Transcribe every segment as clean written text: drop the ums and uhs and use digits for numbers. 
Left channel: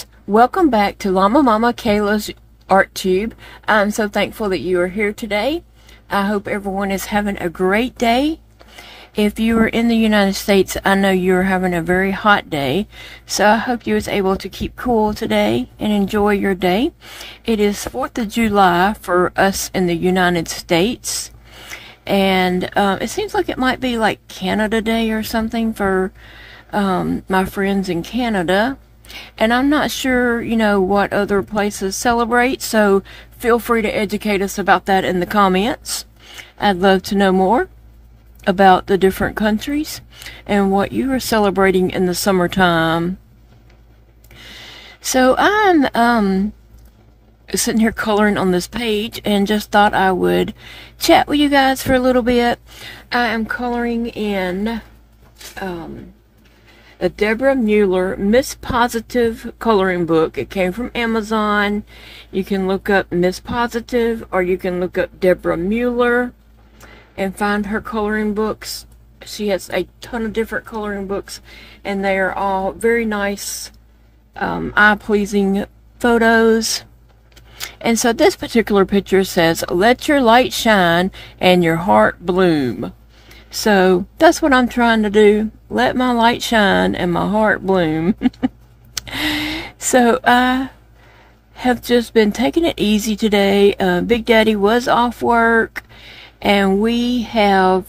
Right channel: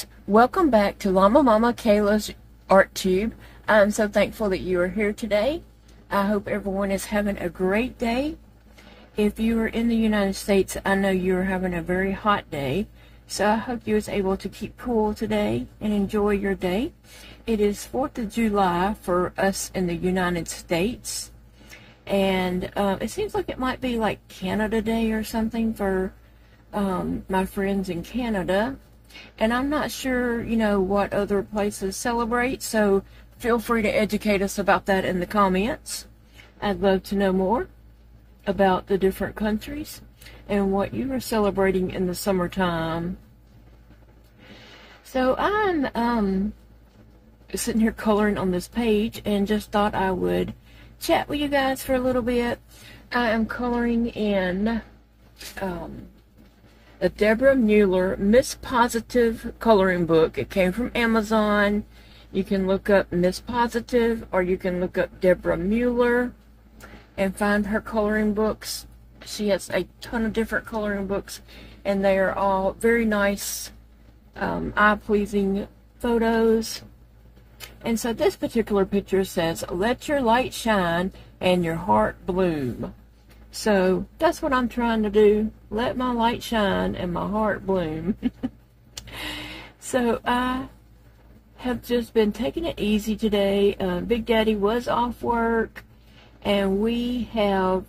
guys, welcome back to Llama Mama Kayla's Art Tube. I'm so thankful that you are here today. I hope everyone is having a great day. If you are in the United States, I know you're having a very hot day, so I hope you was able to keep cool today and enjoy your day. It is 4th of July for us in the United States, and it seems like it might be like Canada Day or something for my friends in Canada. And I'm not sure, you know, what other places celebrate, so feel free to educate us about that in the comments. I'd love to know more about the different countries and what you are celebrating in the summertime. So I'm sitting here coloring on this page and just thought I would chat with you guys for a little bit. I am coloring in a Deborah Mueller Miss Positive coloring book. It came from Amazon. You can look up Miss Positive, or you can look up Deborah Mueller and find her coloring books. She has a ton of different coloring books, and they are all very nice, eye-pleasing photos. And so this particular picture says, "Let your light shine and your heart bloom." So that's what I'm trying to do. Let my light shine and my heart bloom. So I have just been taking it easy today. Big Daddy was off work, and we have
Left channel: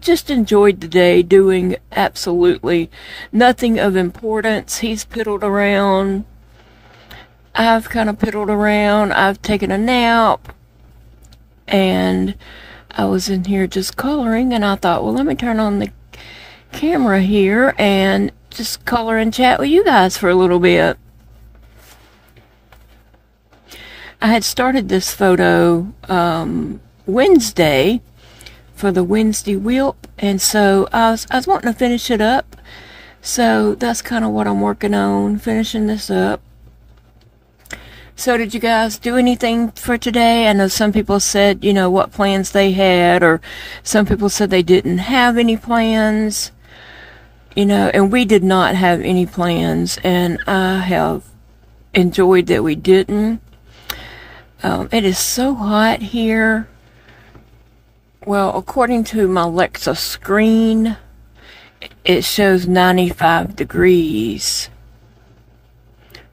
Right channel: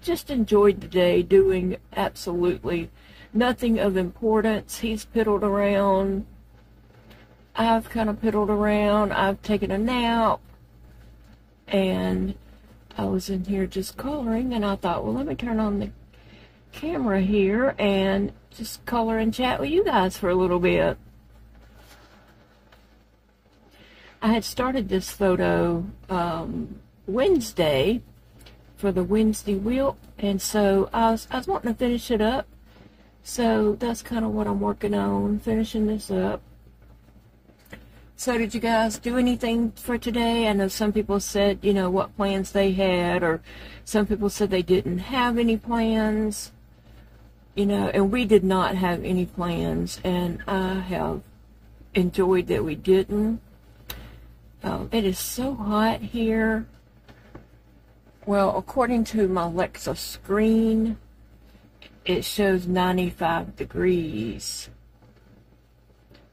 just enjoyed the day doing absolutely nothing of importance. He's piddled around. I've kind of piddled around. I've taken a nap, and I was in here just coloring, and I thought, well, let me turn on the camera here and just color and chat with you guys for a little bit. I had started this photo Wednesday for the Wednesday Wheel, and so I was wanting to finish it up. So that's kind of what I'm working on, finishing this up. So did you guys do anything for today? I know some people said, you know, what plans they had, or some people said they didn't have any plans, you know, and we did not have any plans, and I have enjoyed that we didn't. It is so hot here. Well, according to my Alexa screen, it shows 95 degrees.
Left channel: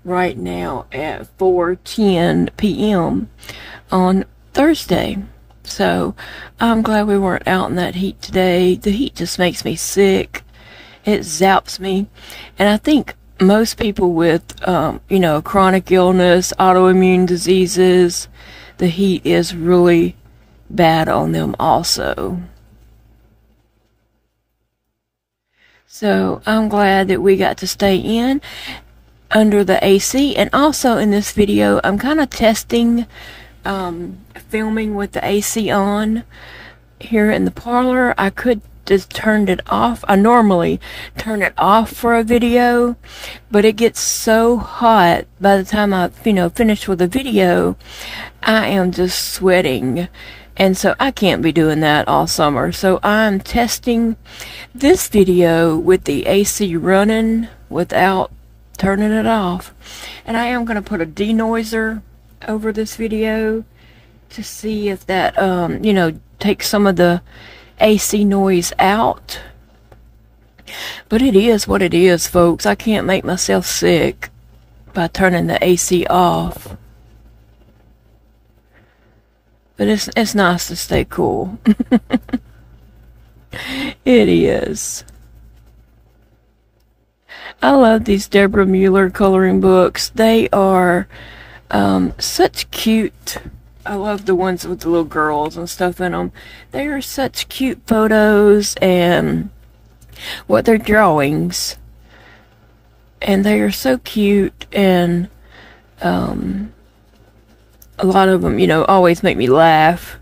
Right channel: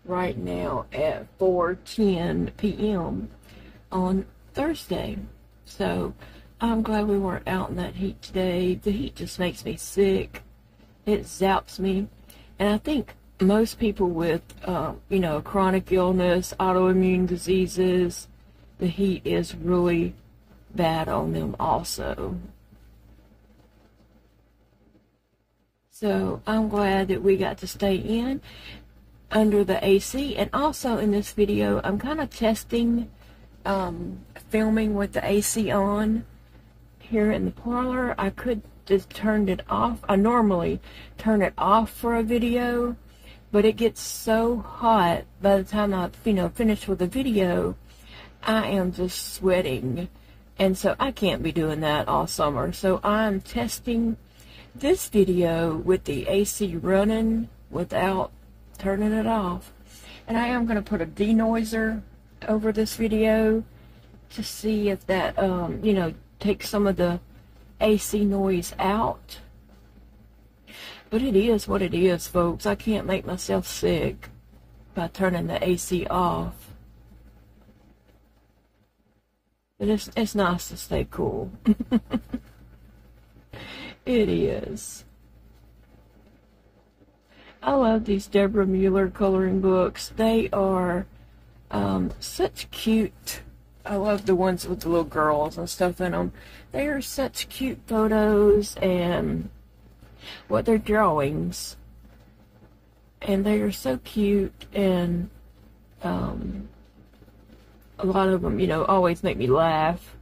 Right now at 4:10 p.m. on Thursday. So I'm glad we weren't out in that heat today. The heat just makes me sick. It zaps me. And I think most people with, you know, chronic illness, autoimmune diseases, the heat is really bad on them also. So I'm glad that we got to stay in under the AC. And also in this video, I'm kind of testing filming with the AC on here in the parlor. I could just turn it off. I normally turn it off for a video, but it gets so hot by the time I, you know, finish with the video, I am just sweating, and so I can't be doing that all summer. So I'm testing this video with the AC running without turning it off, and I am going to put a denoiser over this video to see if that you know, takes some of the AC noise out. But it is what it is, folks. I can't make myself sick by turning the AC off. But it's nice to stay cool. It is. I love these Deborah Mueller coloring books. They are such cute. I love the ones with the little girls and stuff in them. They are such cute photos, and what they're drawings. And they are so cute, and a lot of them, you know, always make me laugh.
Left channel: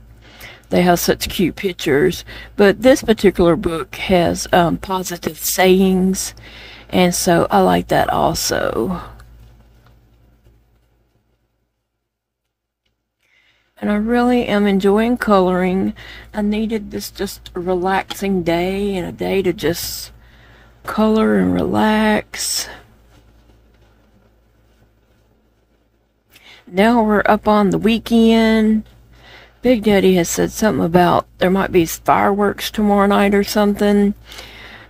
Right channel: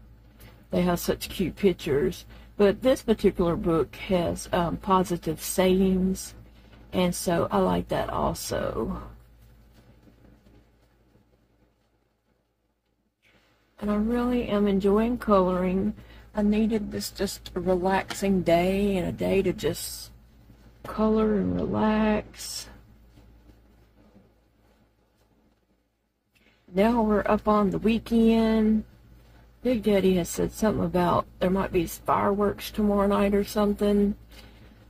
They have such cute pictures. But this particular book has positive sayings, and so I like that also. And I really am enjoying coloring. I needed this just a relaxing day, and a day to just color and relax. Now we're up on the weekend. Big Daddy has said something about there might be fireworks tomorrow night or something.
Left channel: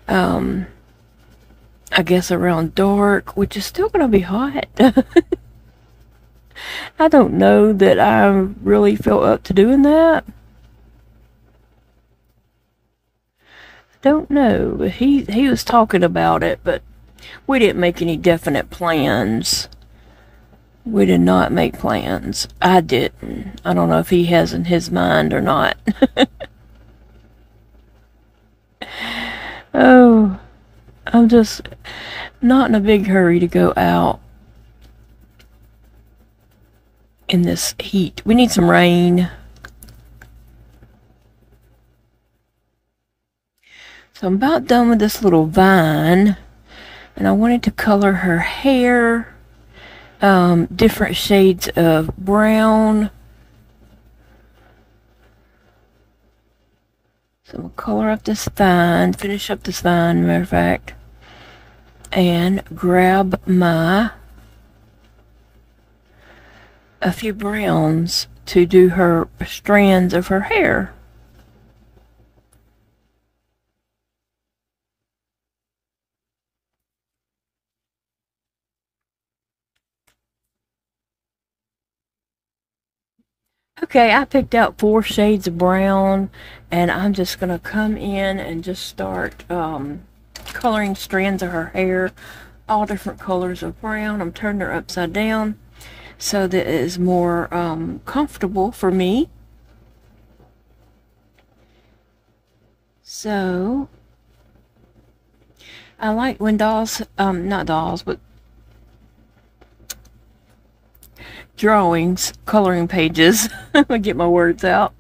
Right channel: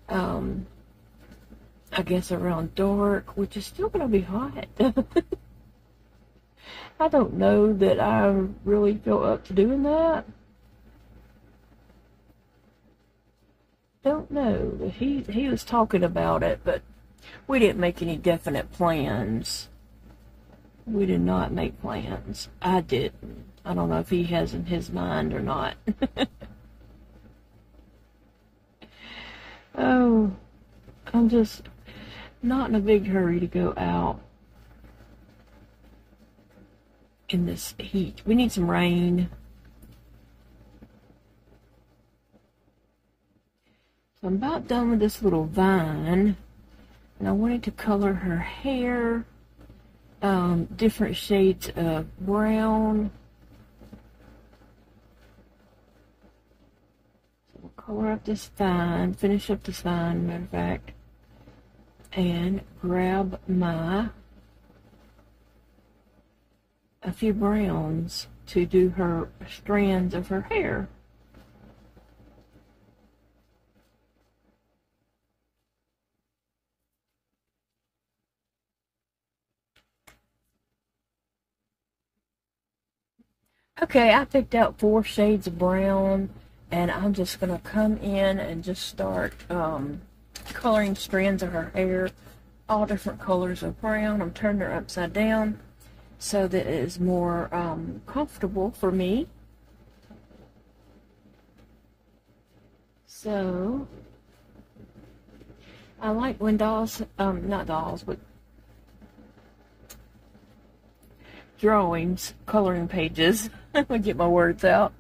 I guess around dark, which is still gonna be hot. I don't know that I really feel up to doing that. Don't know, but he was talking about it, but we didn't make any definite plans. We did not make plans. I didn't. I don't know if he has in his mind or not. Oh, I'm just not in a big hurry to go out in this heat. We need some rain. So I'm about done with this little vine, and I wanted to color her hair different shades of brown. So we'll color up this vine, finish up this vine, matter of fact, and grab a few browns to do her strands of her hair. Okay, I picked out 4 shades of brown, and I'm just gonna come in and just start coloring strands of her hair, all different colors of brown. I'm turning her upside down so that it is more comfortable for me. So I like when dolls, not dolls, but drawings, coloring pages, I get my words out.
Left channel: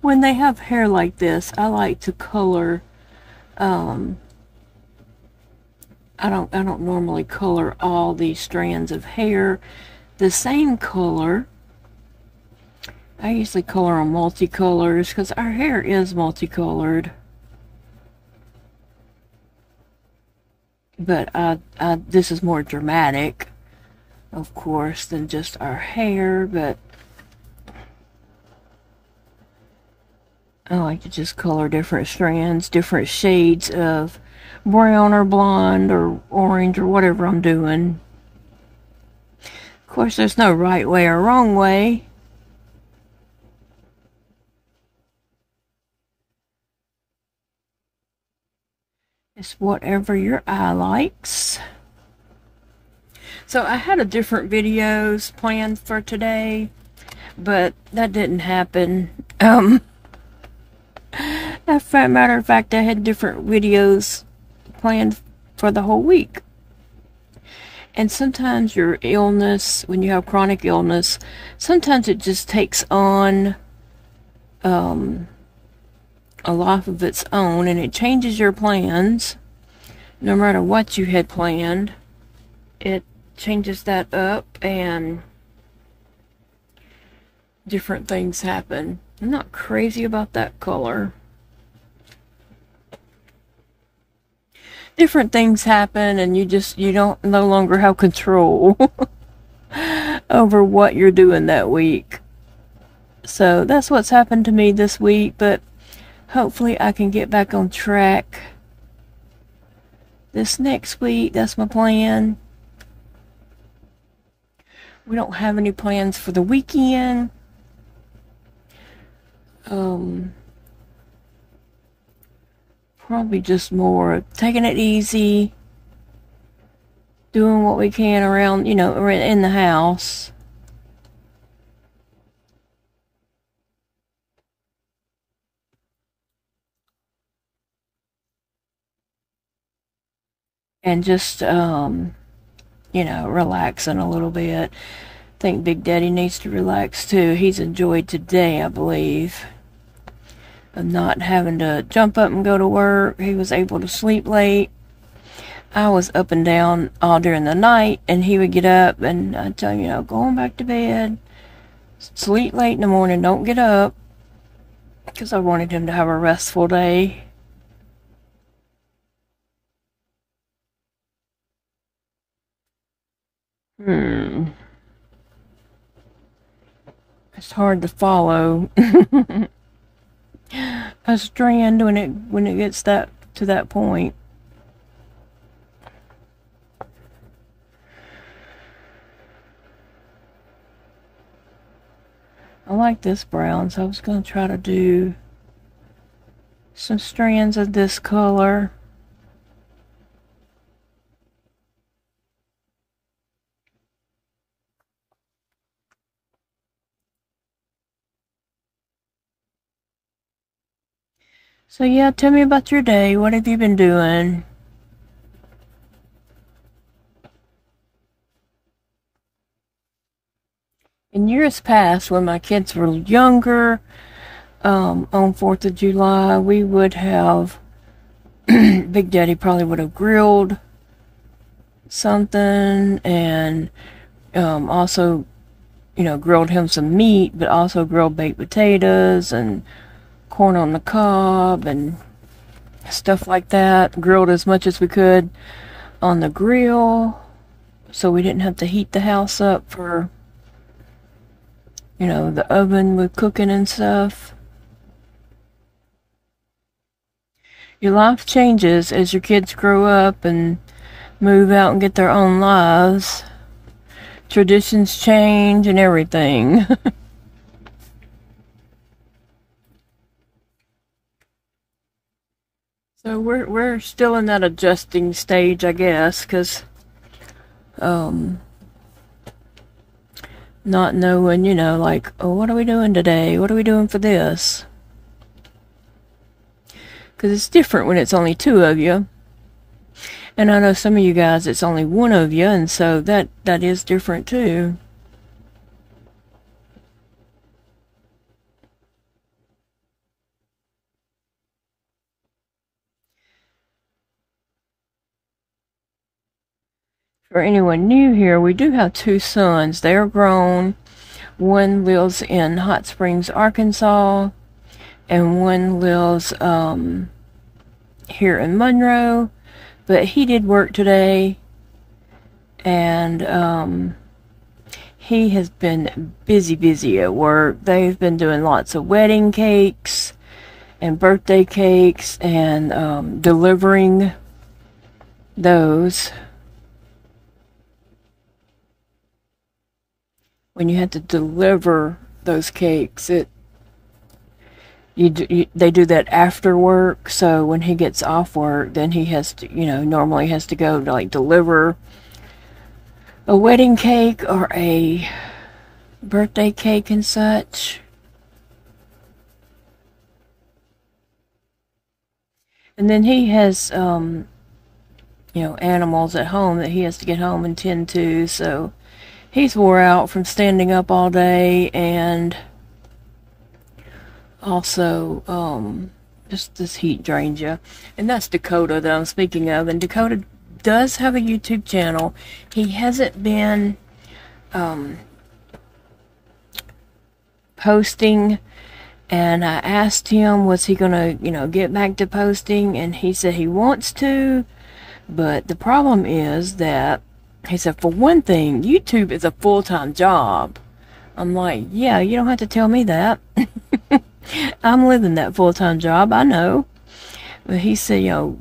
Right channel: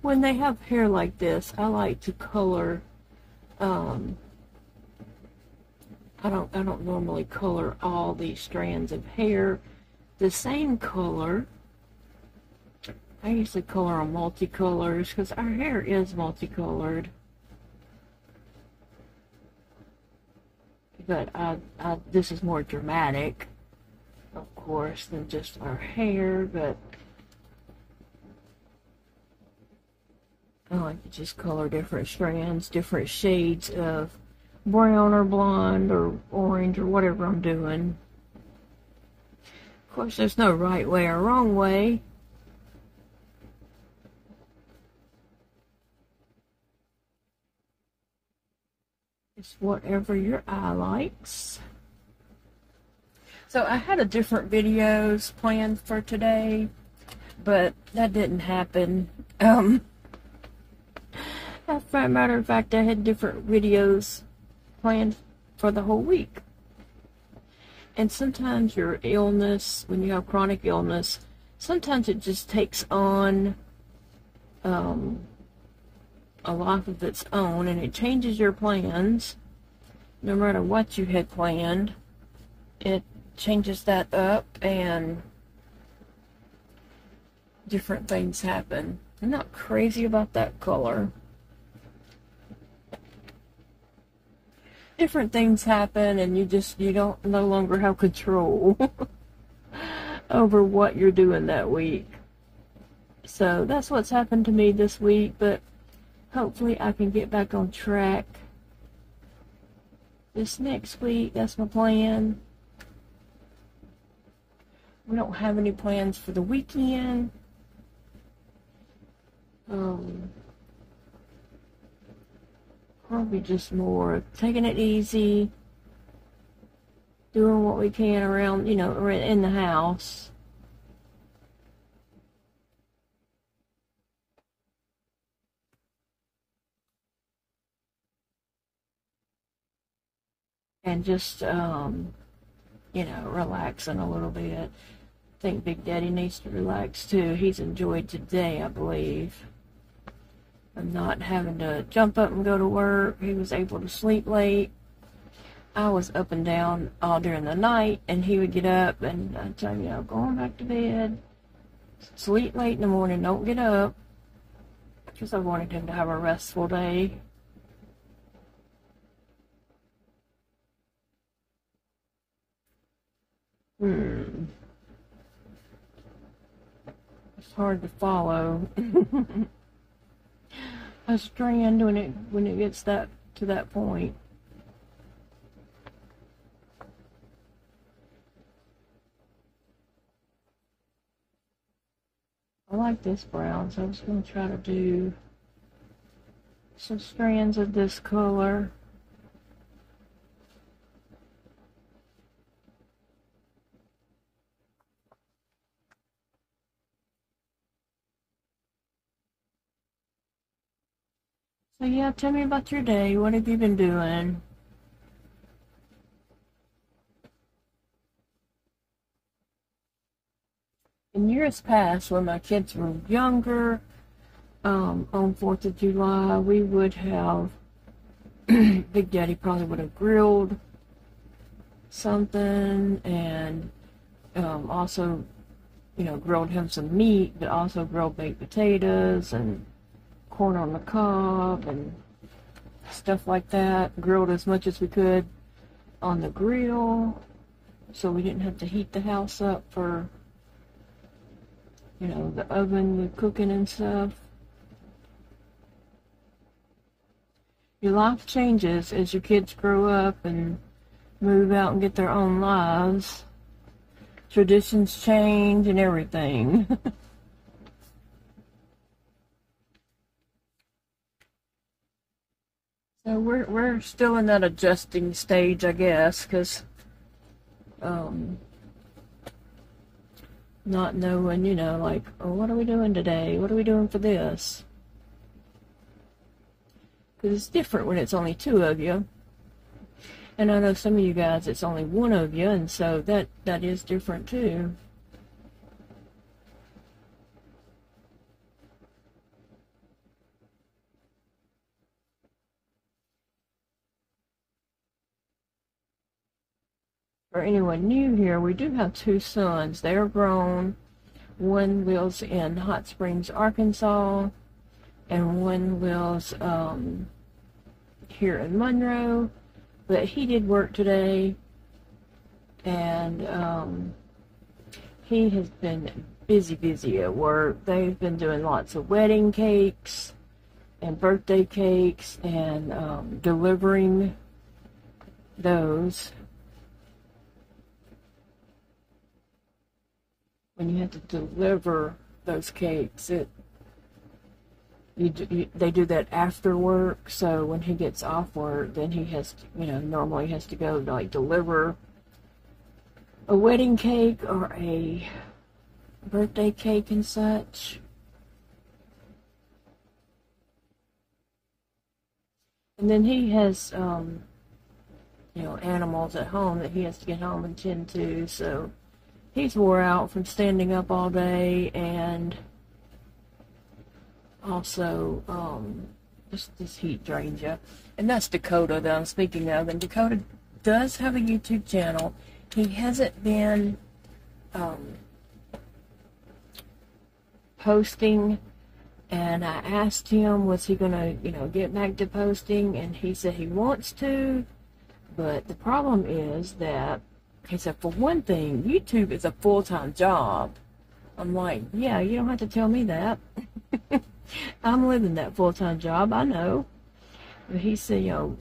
When they have hair like this, I like to color, I don't normally color all these strands of hair the same color. I usually color on multicolors because our hair is multicolored. But this is more dramatic, of course, than just our hair, but I like to just color different strands, different shades of brown or blonde or orange or whatever I'm doing. Of course, there's no right way or wrong way. It's whatever your eye likes. So I had a different videos planned for today, but that didn't happen. As a matter of fact, I had different videos planned for the whole week. And sometimes your illness, when you have chronic illness, sometimes it just takes on a life of its own, and it changes your plans. No matter what you had planned, it changes that up, and different things happen. I'm not crazy about that color. Different things happen, and you don't no longer have control over what you're doing that week. So that's what's happened to me this week, but hopefully I can get back on track this next week. That's my plan. We don't have any plans for the weekend. Probably just more taking it easy, doing what we can around, in the house. And just, relaxing a little bit. I think Big Daddy needs to relax too. He's enjoyed today, I believe, of not having to jump up and go to work. He was able to sleep late. I was up and down all during the night, and he would get up and I'd tell him, going back to bed. Sleep late in the morning, don't get up. Because I wanted him to have a restful day. It's hard to follow a strand when it gets to that point. I like this brown, so I was going to try to do some strands of this color. So yeah, tell me about your day. What have you been doing? In years past, when my kids were younger, on 4th of July, we would have, Big Daddy probably would have grilled something, and also, you know, grilled him some meat, but also grilled baked potatoes and corn on the cob and stuff like that. Grilled as much as we could on the grill, so we didn't have to heat the house up for, you know, the oven with cooking and stuff. Your life changes as your kids grow up and move out and get their own lives. Traditions change and everything. So we're still in that adjusting stage, I guess, because not knowing, you know, like, oh, what are we doing today? What are we doing for this? Because it's different when it's only two of you. And I know some of you guys, it's only one of you, and so that is different too. For anyone new here, we do have two sons. They are grown. One lives in Hot Springs, Arkansas, and one lives here in Monroe. But he did work today, and he has been busy at work. They've been doing lots of wedding cakes and birthday cakes and delivering those. When you have to deliver those cakes, they do that after work. So when he gets off work, then he has to, you know, normally has to go to like deliver a wedding cake or a birthday cake and such. And then he has, you know, animals at home that he has to get home and tend to. So he's wore out from standing up all day, and also just this heat drains you. And that's Dakota that I'm speaking of. And Dakota does have a YouTube channel. He hasn't been posting, and I asked him, was he gonna, you know, get back to posting, and he said he wants to, but the problem is that he said, for one thing, YouTube is a full-time job. I'm like, yeah, you don't have to tell me that. I'm living that full-time job, I know. But he said, you know,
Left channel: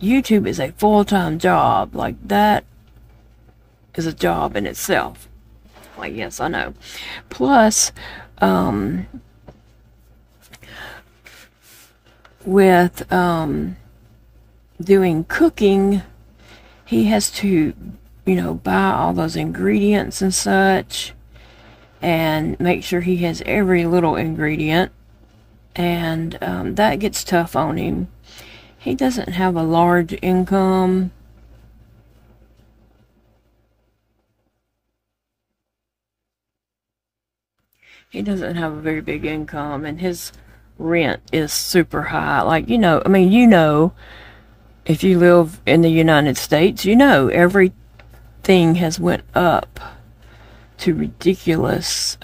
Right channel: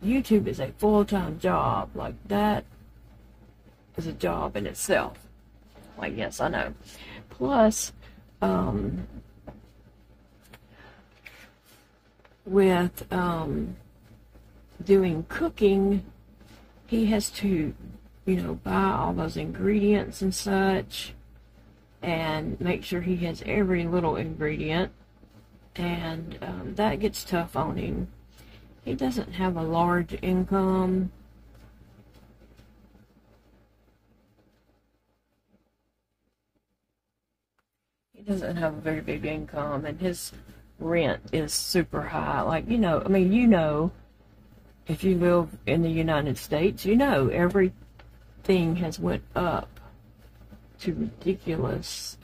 YouTube is a full-time job. Like, that is a job in itself. Like, yes, I know. Plus, with doing cooking, he has to, you know, buy all those ingredients and such, and make sure he has every little ingredient, and that gets tough on him. He doesn't have a large income. He doesn't have a very big income, and his rent is super high. Like, you know, I mean, you know, if you live in the United States, you know, everything has went up to ridiculous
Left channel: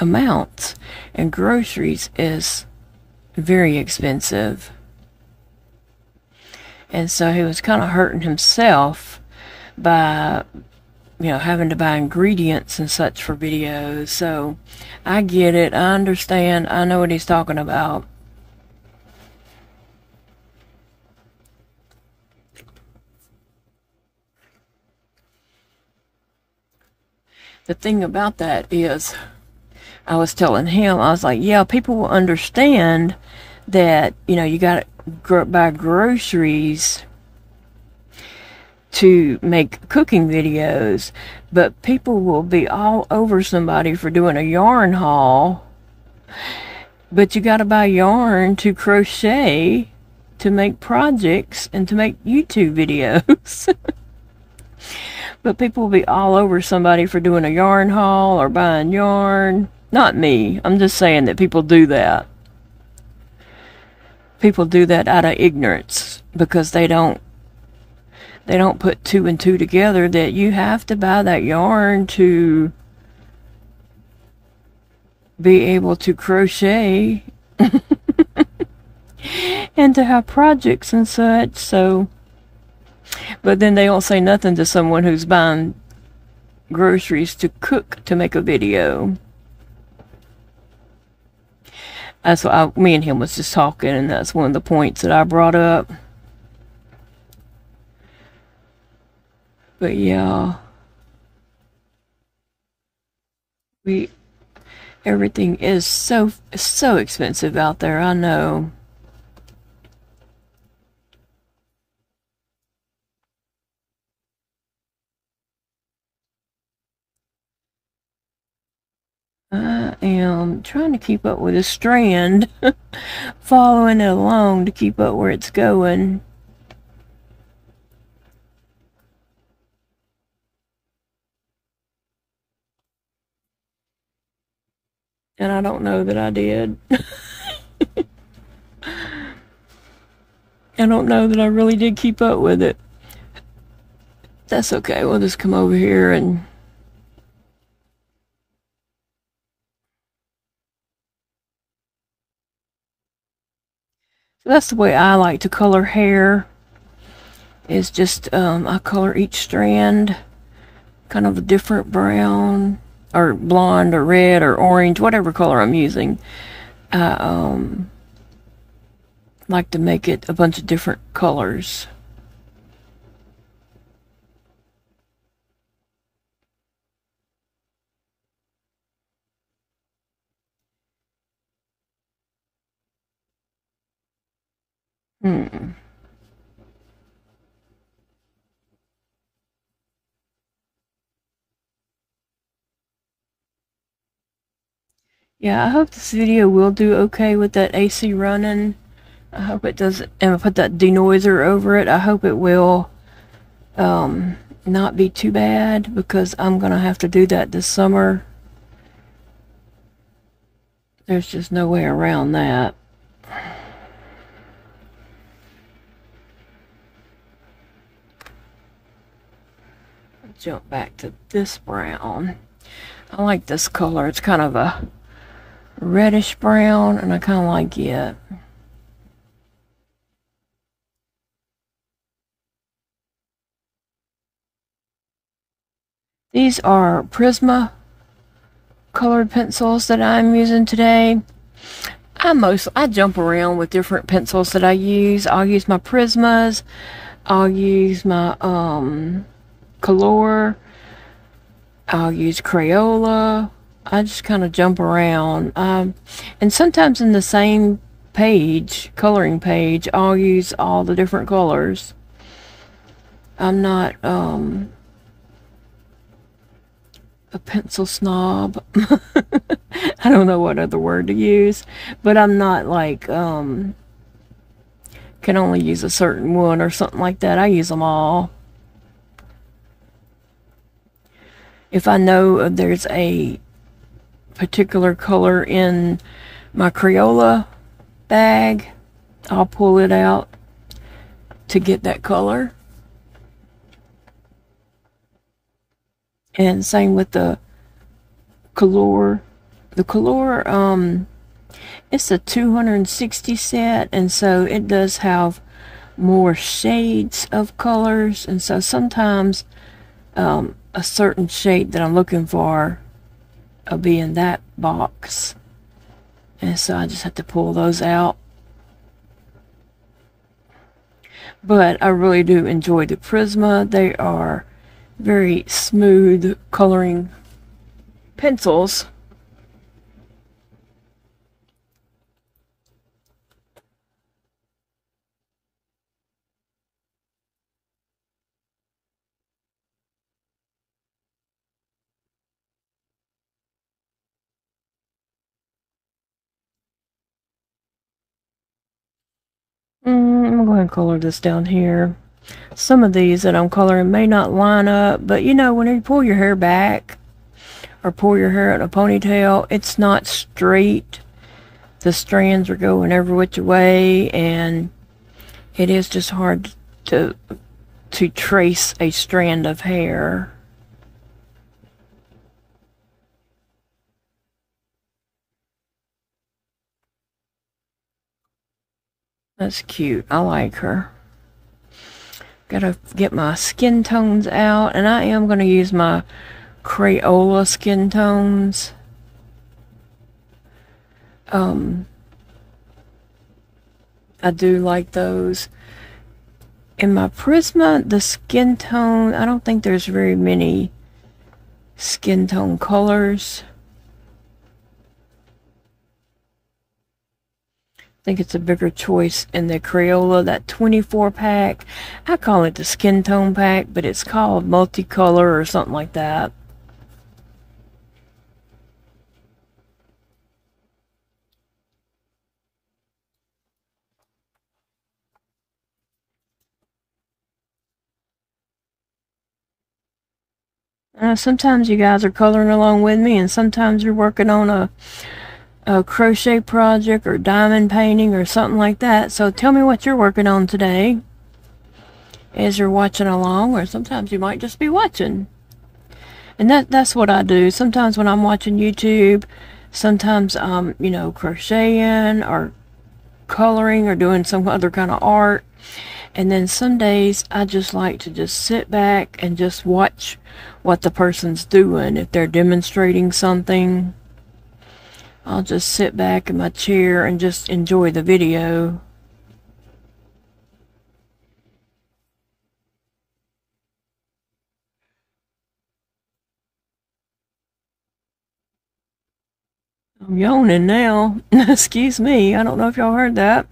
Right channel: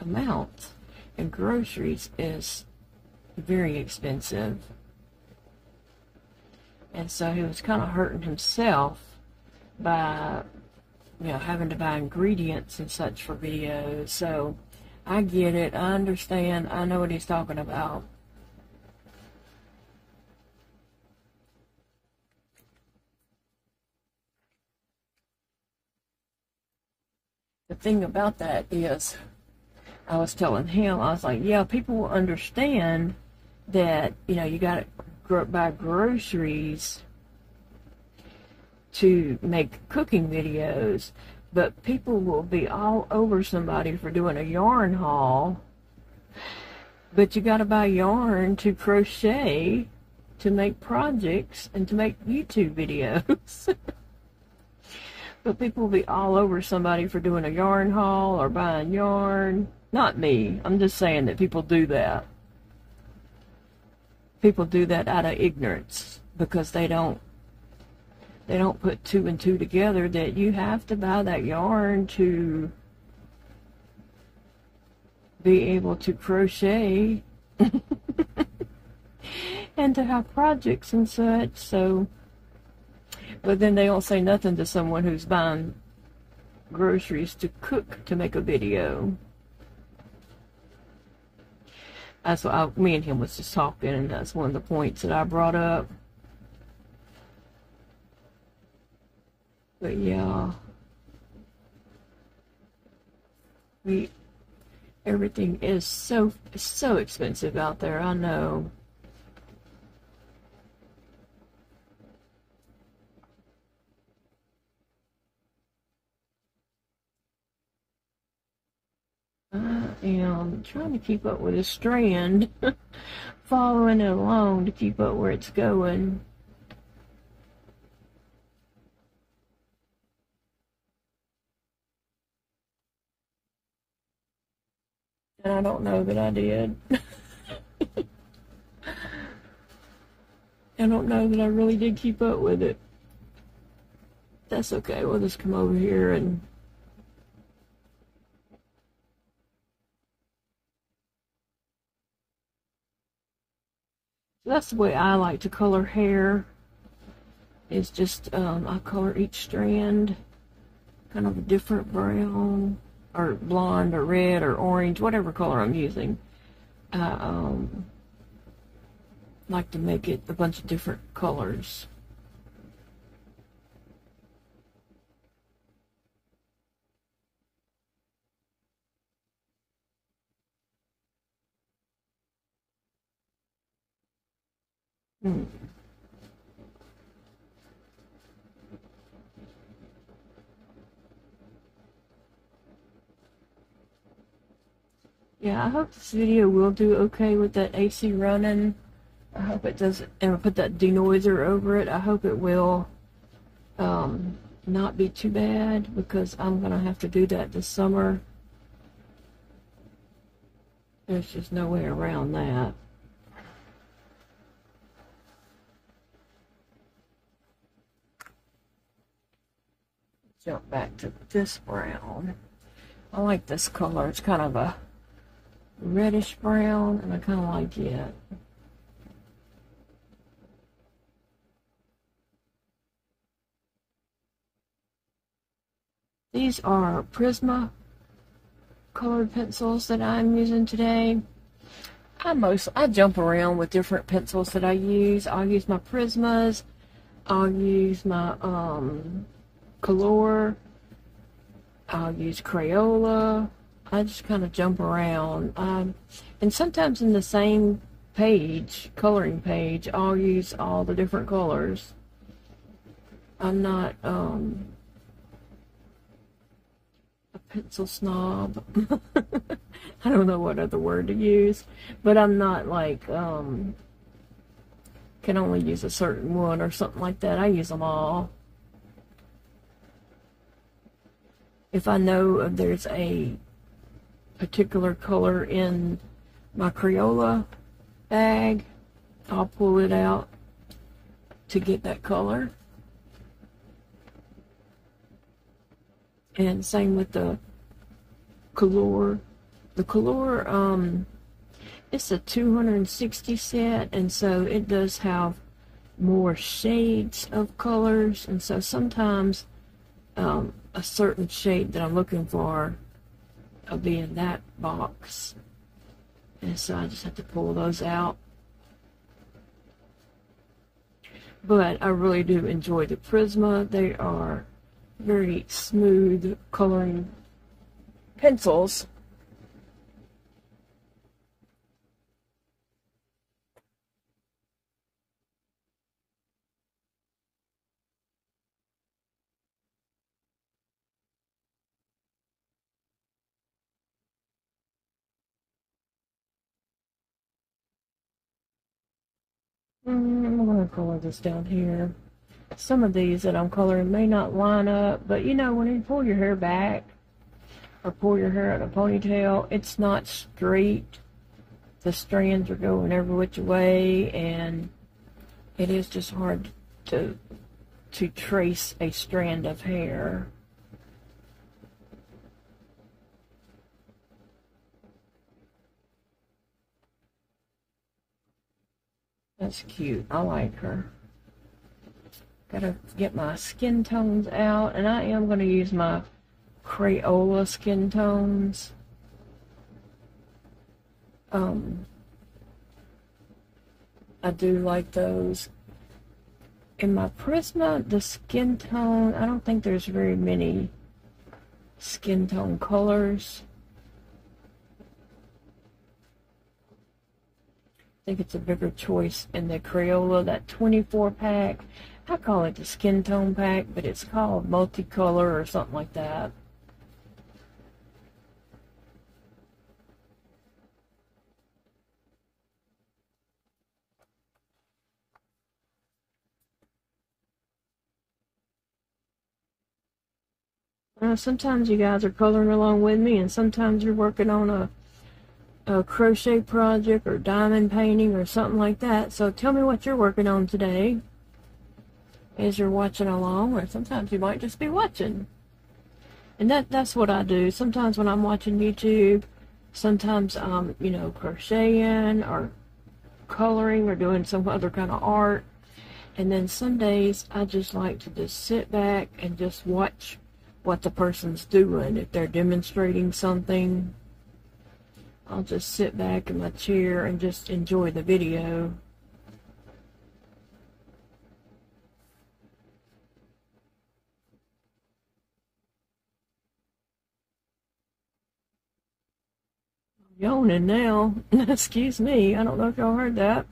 amounts, and groceries is very expensive. And so he was kind of hurting himself by you know, having to buy ingredients and such for videos. So I get it. I understand. I know what he's talking about. The thing about that is, I was telling him, I was like, yeah, people will understand that, you know, you got to buy groceries to make cooking videos, but people will be all over somebody for doing a yarn haul, but you got to buy yarn to crochet, to make projects, and to make YouTube videos. But people will be all over somebody for doing a yarn haul or buying yarn. Not me. I'm just saying that people do that. People do that out of ignorance because they don't put two and two together that you have to buy that yarn to be able to crochet and to have projects and such. So, but then they don't say nothing to someone who's buying groceries to cook to make a video. That's what me and him was just talking, and that's one of the points that I brought up. But yeah, everything is so expensive out there, I know. I am trying to keep up with a strand, following it along to keep up where it's going. And I don't know that I did. I don't know that I really did keep up with it. That's okay. We'll just come over here and that's the way I like to color hair. Is just I color each strand kind of a different brown or blonde or red or orange, whatever color I'm using. I like to make it a bunch of different colors. Yeah, I hope this video will do okay with that AC running. I hope it does, and I put that denoiser over it. I hope it will not be too bad because I'm gonna have to do that this summer. There's just no way around that. Jump back to this brown. I like this color. It's kind of a reddish brown, and I kind of like it. These are Prisma colored pencils that I'm using today. I jump around with different pencils that I use. I'll use my Prismas. I'll use my Color. I'll use Crayola. I just kind of jump around. And sometimes in the same page, coloring page, I'll use all the different colors. I'm not a pencil snob. I don't know what other word to use, but I'm not like can only use a certain one or something like that. I use them all. If I know there's a particular color in my Crayola bag, I'll pull it out to get that color. And same with the Color. The Color, it's a 260 set, and so it does have more shades of colors, and so sometimes a certain shade that I'm looking for will be in that box. And so I just have to pull those out. But I really do enjoy the Prisma. They are very smooth coloring pencils. I'm going to color this down here. Some of these that I'm coloring may not line up, but you know, when you pull your hair back or pull your hair in a ponytail, it's not straight. The strands are going every which way, and it is just hard to trace a strand of hair. That's cute. I like her. Gotta get my skin tones out, and I am going to use my Crayola skin tones. I do like those. In my Prisma, the skin tone, I don't think there's very many skin tone colors. I think it's a bigger choice in the Crayola, that 24 pack. I call it the skin tone pack, but it's called multicolor or something like that. Sometimes you guys are coloring along with me, and sometimes you're working on a crochet project or diamond painting or something like that. So tell me what you're working on today as you're watching along, or sometimes you might just be watching. And that's what I do. Sometimes when I'm watching YouTube, sometimes you know, crocheting or coloring or doing some other kind of art. And then some days I just like to just sit back and just watch what the person's doing. If they're demonstrating something, I'll just sit back in my chair and just enjoy the video. I'm yawning now. Excuse me. I don't know if y'all heard that.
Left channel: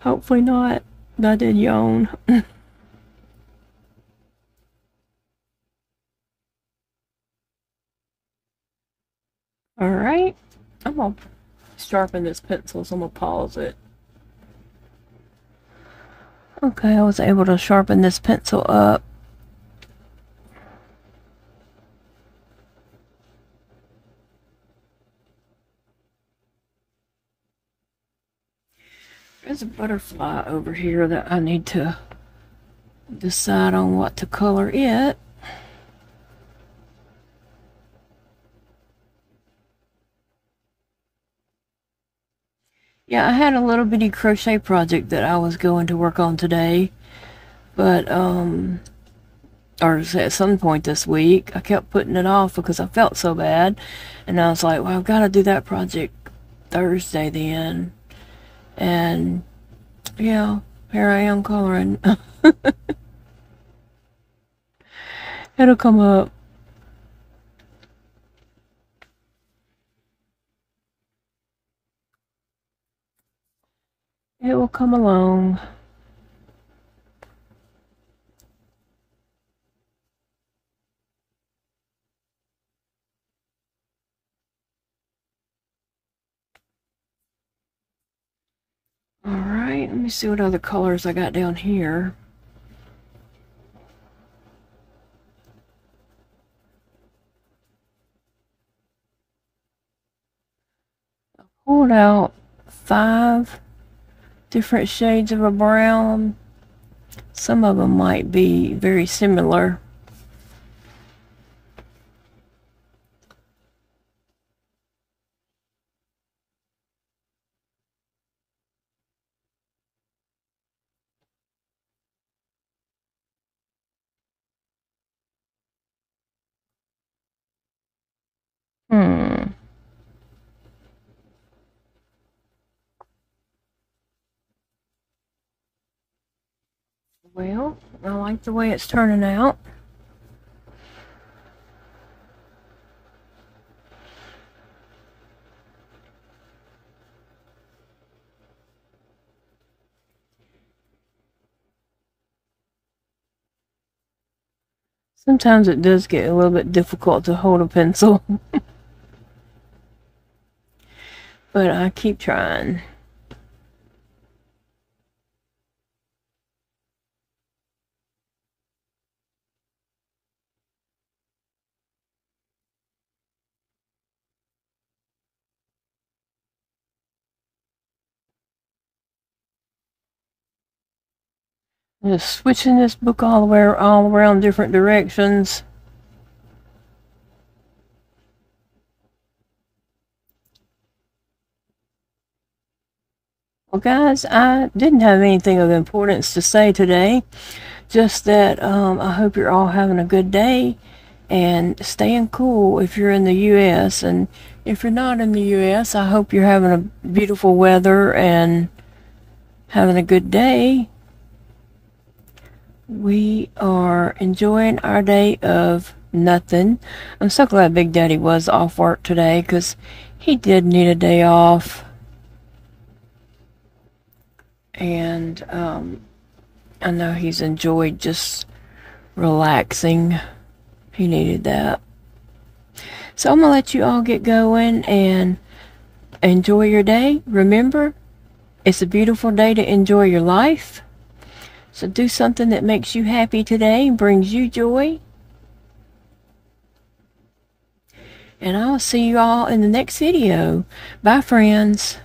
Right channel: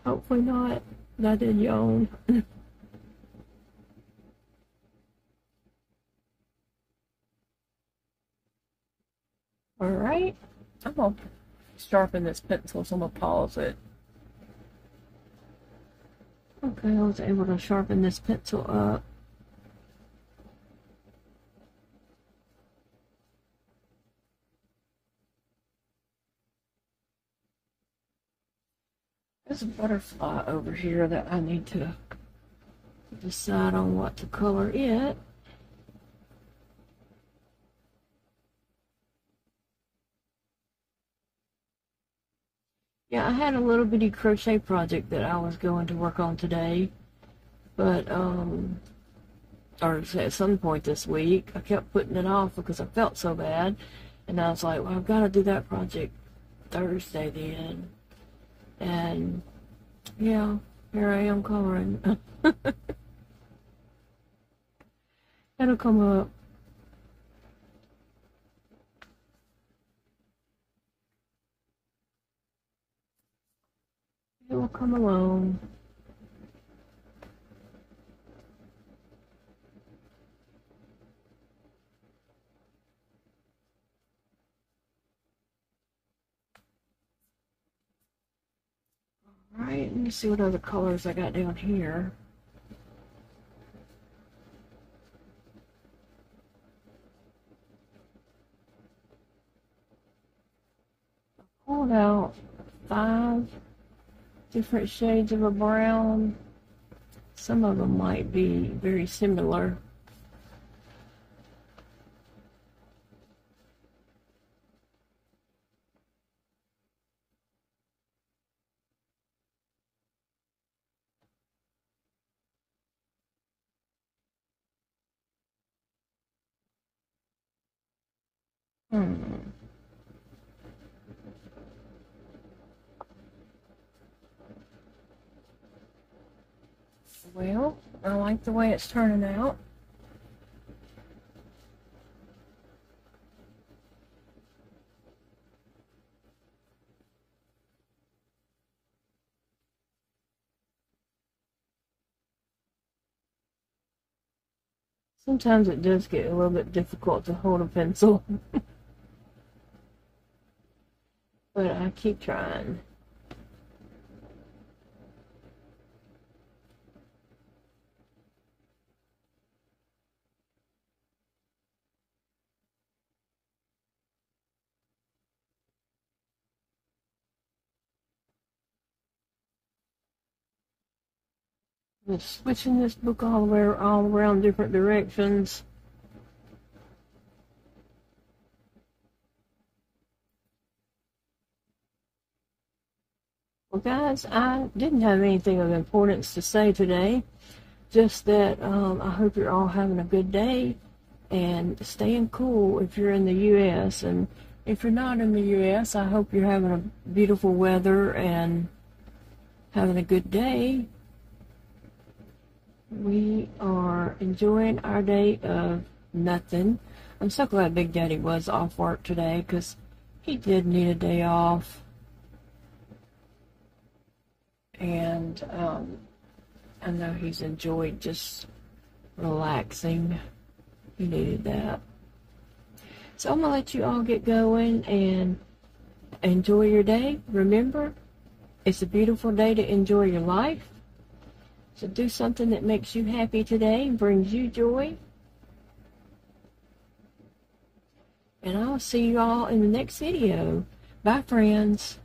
Hopefully not. But I did yawn. Alright. I'm going to sharpen this pencil, so I'm going to pause it. Okay, I was able to sharpen this pencil up. There's a butterfly over here that I need to decide on what to color it. Yeah, I had a little bitty crochet project that I was going to work on today, but or at some point this week. I kept putting it off because I felt so bad, and I was like, well, I've got to do that project Thursday then. And yeah, here I am coloring. It'll come up. It will come along. Alright, let me see what other colors I got down here. I pulled out 5 different shades of a brown. Some of them might be very similar. Well, I like the way it's turning out. Sometimes it does get a little bit difficult to hold a pencil, but I keep trying. Just switching this book all around different directions. Well, guys, I didn't have anything of importance to say today. Just that I hope you're all having a good day and staying cool if you're in the U.S. And if you're not in the U.S., I hope you're having a beautiful weather and having a good day. We are enjoying our day of nothing. I'm so glad Big Daddy was off work today because he did need a day off. And I know he's enjoyed just relaxing. He needed that. So I'm going to let you all get going and enjoy your day. Remember, it's a beautiful day to enjoy your life. So do something that makes you happy today and brings you joy. And I'll see you all in the next video. Bye, friends.